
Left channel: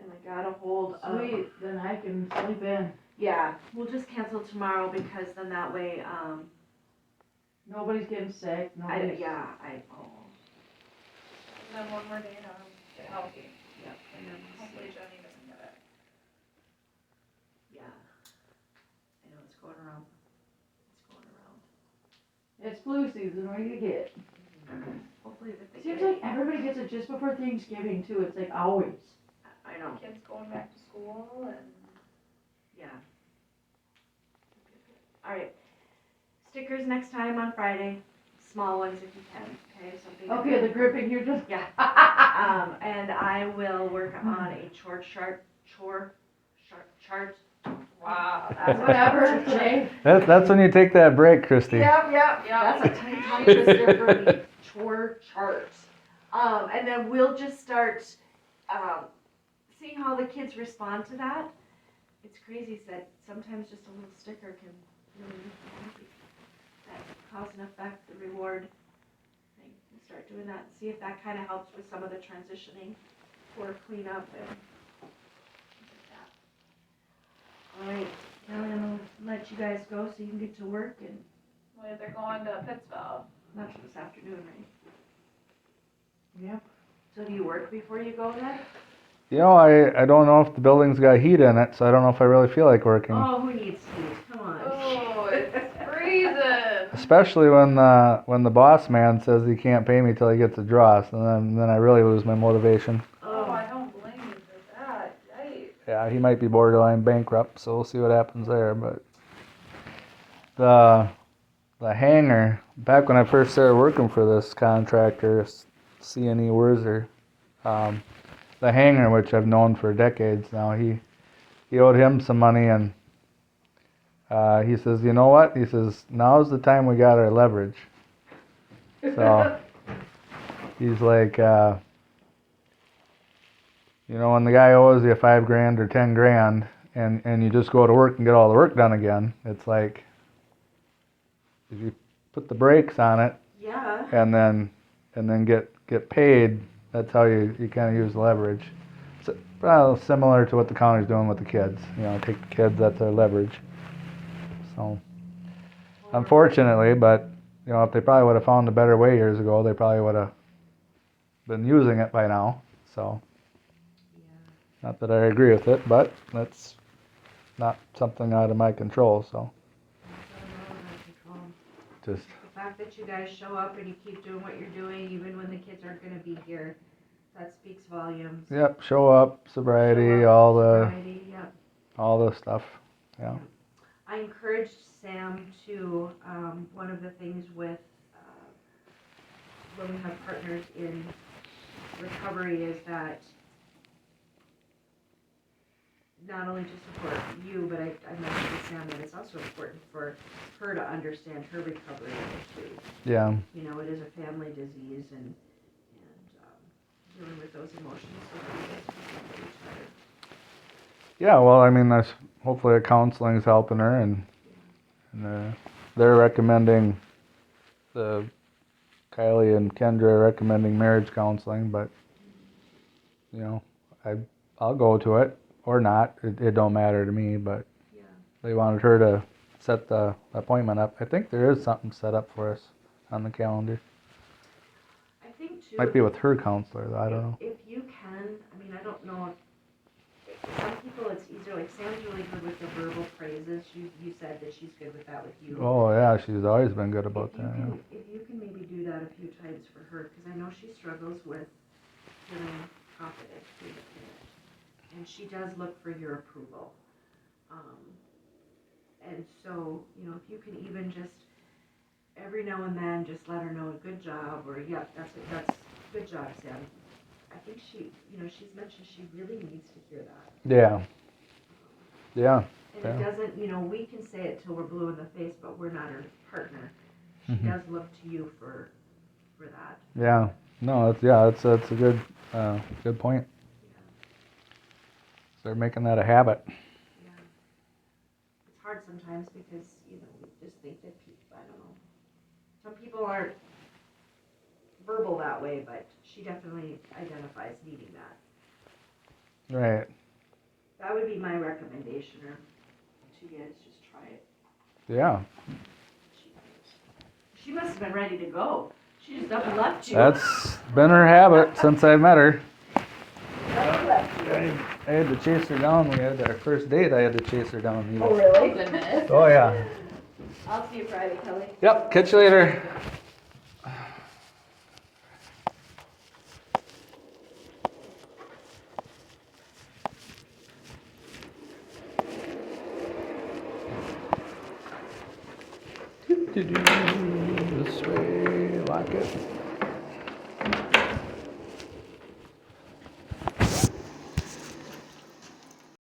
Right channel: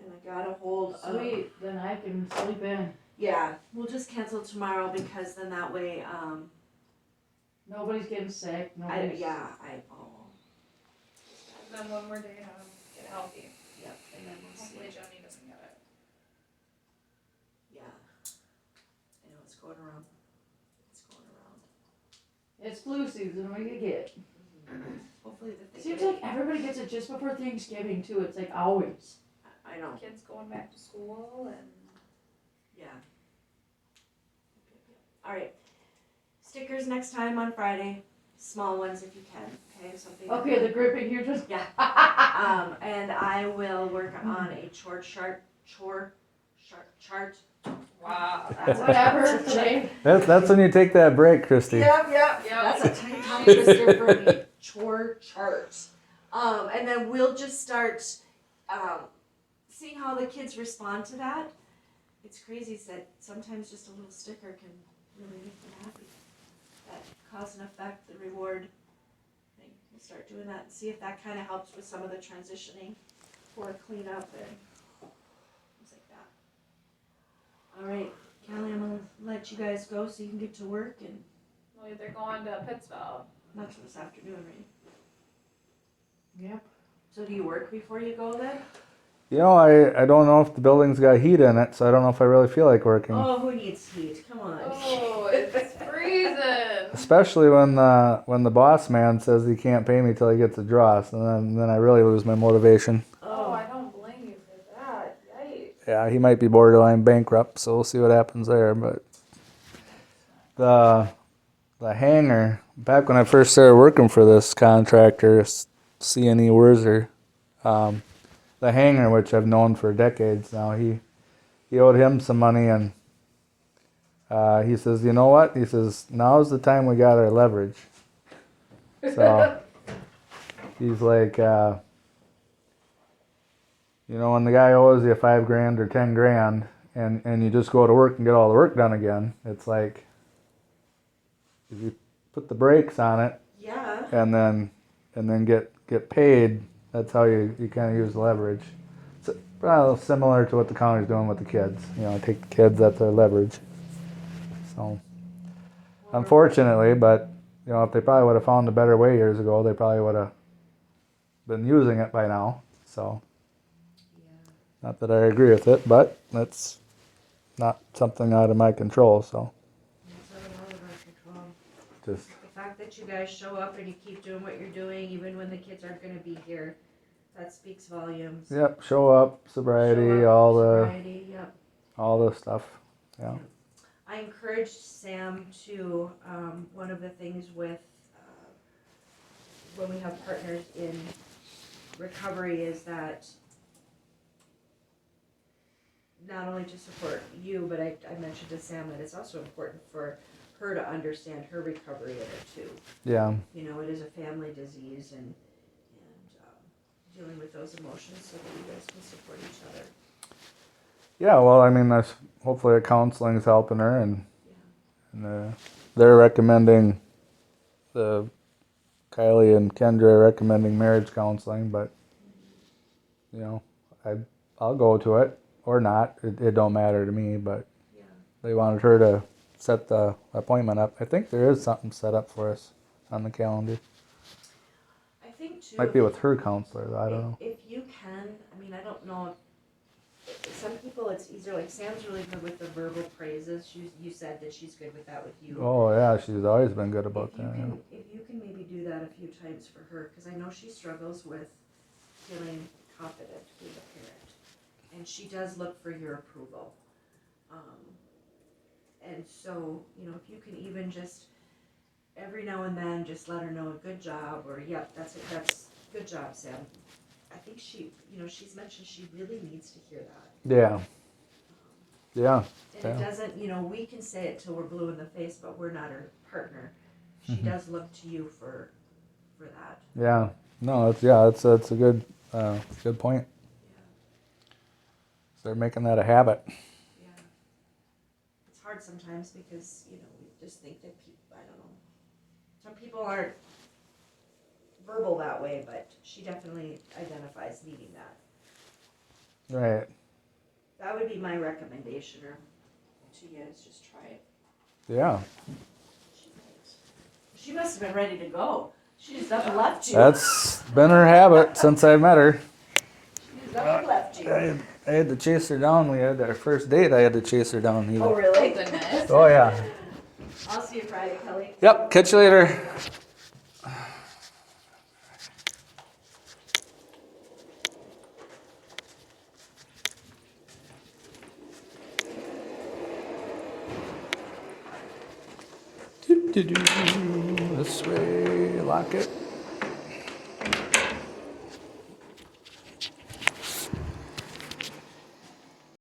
and I got a hold of. Sweet, then I can sleep in. Yeah, we'll just cancel tomorrow because then that way, Nobody's getting sick, And And then one more day to get healthy. Yep, and then we'll Hopefully see. Johnny doesn't get it. Yeah. I know it's going around. It's flu season, what do you get? Hopefully that they Seems get like everybody gets it just before Thanksgiving too, it's like always. I know, Kids going back to school and yeah. Alright. Stickers next time on Friday. Small ones if you can, okay? Something. Okay, the gripping, you're just. Yeah. And I will work on a chore chart chart. Wow, That's Whatever today. That's when you take that break, Christy. Yep. Yep. That's a tongue twister for me. Chore chart. And then we'll just start seeing how the kids respond to that. It's crazy that sometimes just a little sticker can really make you happy. That cause and effect, the reward thing. We'll start doing that and see if that kind of helps with some of the transitioning for cleanup and things like that. All right, Kelly, I'm gonna let you guys go so you can get to work, and Well, they're going to Pittsville. that's this afternoon, right? Yep. So do you work before you go then? You know, I don't know if the building's got heat in it, so I don't know if I really feel like working. Oh, who needs heat? Come on. Oh, it's freezing. Especially when the boss man says he can't pay me till he gets a dross, and then I really lose my motivation. Oh, I don't blame you for that. Yikes. Yeah, he might be borderline bankrupt, so we'll see what happens there. But the hangar, back when I first started working for this contractor, C&E Wurzer, the hangar, which I've known for decades now, he owed him some money, and he says, you know what? He says, now's the time we got our leverage. So he's like, you know, when the guy owes you $5,000 or $10,000, and you just go to work and get all the work done again, it's like, if you put the brakes on it Yeah. and then get paid, that's how you kind of use leverage. So, well, similar to what the county's doing with the kids. You know, take the kids, that's their leverage. So, unfortunately, but, you know, if they probably would have found a better way years ago, they probably would have been using it by now. So, not that I agree with it, but that's not something out of my control. So, just The fact that you guys show up and you keep doing what you're doing, even when the kids aren't gonna be here, that speaks volumes. yep, show up, sobriety, Show up, all the sobriety, yep. all the stuff. Yeah. I encouraged Sam to, one of the things with, when we have partners in recovery is that not only to support you, but I mentioned to Sam that it's also important for her to understand her recovery of it too. Yeah. You know, it is a family disease and dealing with those emotions so that you guys can support each other. Yeah, well, I mean, that's hopefully the counseling's helping her, and they're recommending, Kylie and Kendra are recommending marriage counseling, but, you know, I'll go to it or not. It don't matter to me, but Yeah. they wanted her to set the appointment up. I think there is something set up for us on the calendar. I think too. Might be with her counselor, I don't know. If you can, I mean, I don't know. Some people it's easier. Like Sam's really good with the verbal praises. You said that she's good with that with you. Oh, yeah, she's always been good about If you that. can, if you can maybe do that a few times for her, because I know she struggles with feeling confident being a parent, and she does look for your approval. And so, you know, if you can even just every now and then just let her know a good job, or yep, that's good job, Sam. I think she, you know, she's mentioned she really needs to hear that. Yeah. Yeah. And Yeah. it doesn't, you know, we can say it till we're blue in the face, but we're not her partner. She Mhm. does look to you for that. Yeah. No, that's a good good point. Start making that a habit. Yeah. It's hard sometimes because, you know, we just think that people, I don't know. Some people aren't verbal that way, but she definitely identifies needing that. Right. That would be my recommendation, or to you guys, just try it. Yeah. She must have been ready to go. She just up and left you. That's been her habit since I met her. Up and left you. I had to chase her down. We had our first date. I had to chase her down. Oh, Oh, really? goodness. Oh yeah. I'll see you Friday, Kelly. Yep. Catch you later. This way, lock it.